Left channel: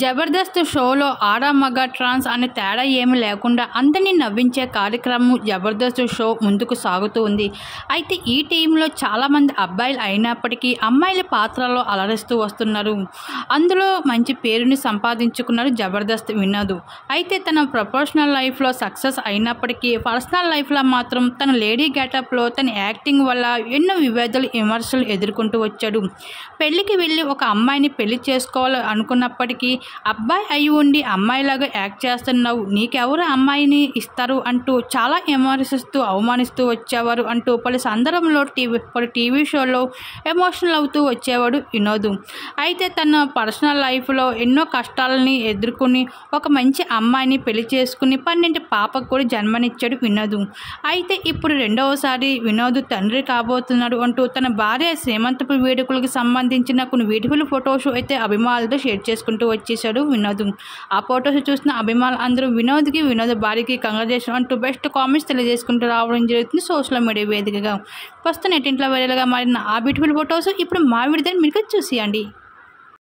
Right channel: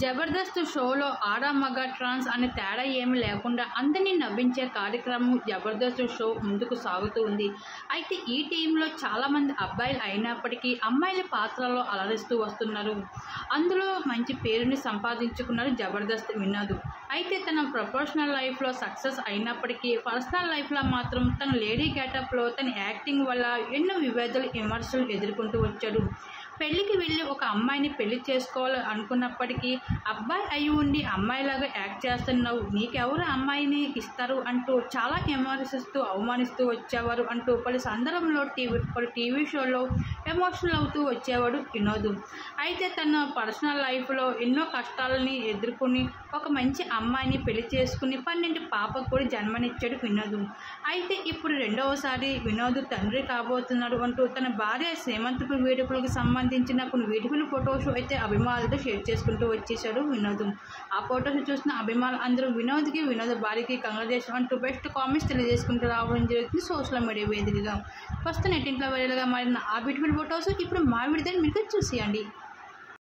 జబర్దస్త్ షోలో ఆడ మగ ట్రాన్స్ అనే తేడా ఏమీ లేకుండా అందరినీ నవ్వించే కార్యక్రమం జబర్దస్త్ షో ముందుకు సాగుతూ ఉంది. అయితే ఈ టీంలో చాలామంది అబ్బాయిలు అయినప్పటికీ అమ్మాయిల పాత్రలో అలరిస్తూ వస్తున్నారు. అందులో మంచి పేరుని సంపాదించుకున్నారు జబర్దస్త్ వినోద్. అయితే తన ప్రొఫెషనల్ లైఫ్లో సక్సెస్ అయినప్పటికీ పర్సనల్ లైఫ్లో మాత్రం తన లేడీ గెటప్లో తన యాక్టింగ్ వల్ల ఎన్నో వివాదాలు విమర్శలు ఎదుర్కొంటూ వచ్చాడు. పెళ్లికి వెళ్ళి ఒక అమ్మాయిని పెళ్లి చేసుకోవాలి అనుకున్నప్పటికీ అబ్బాయి అయి ఉండి అమ్మాయిలాగా యాక్ట్ చేస్తున్నావు, నీకెవరు అమ్మాయిని ఇస్తారు అంటూ చాలా విమర్శిస్తూ అవమానిస్తూ వచ్చేవారు అంటూ పలు సందర్భంలో టీవీ షోలో ఎమోషనల్ అవుతూ వచ్చేవాడు వినోద్. అయితే తన పర్సనల్ లైఫ్లో ఎన్నో కష్టాలని ఎదుర్కొని ఒక మంచి అమ్మాయిని పెళ్లి చేసుకుని 12 పాపకు కూడా జన్మనిచ్చాడు వినోద్. అయితే ఇప్పుడు రెండవసారి వినోద్ తండ్రి కాబోతున్నాడు అంటూ తన భార్య శ్రీమంతపు వేడుకలకు సంబంధించిన కొన్ని బ్యూటిఫుల్ ఫొటోస్ అయితే అభిమానులతో షేర్ చేసుకుంటూ వచ్చేసాడు వినోద్. ఆ ఫొటోస్ చూసిన అభిమానులు అందరూ వినోద్కి వినోద్ భార్యకి కంగ్రాచులేషన్ అంటూ బెస్ట్ కామెంట్స్ తెలియజేసుకుంటూ రావడం జరుగుతుంది సోషల్ మీడియా వేదికగా. ప్రస్తుతం నెట్టింట్లో వైరల్గా మారిన ఆ బ్యూటిఫుల్ ఫొటోస్ ఇప్పుడు మా విడుదల మీరు చూసేయండి.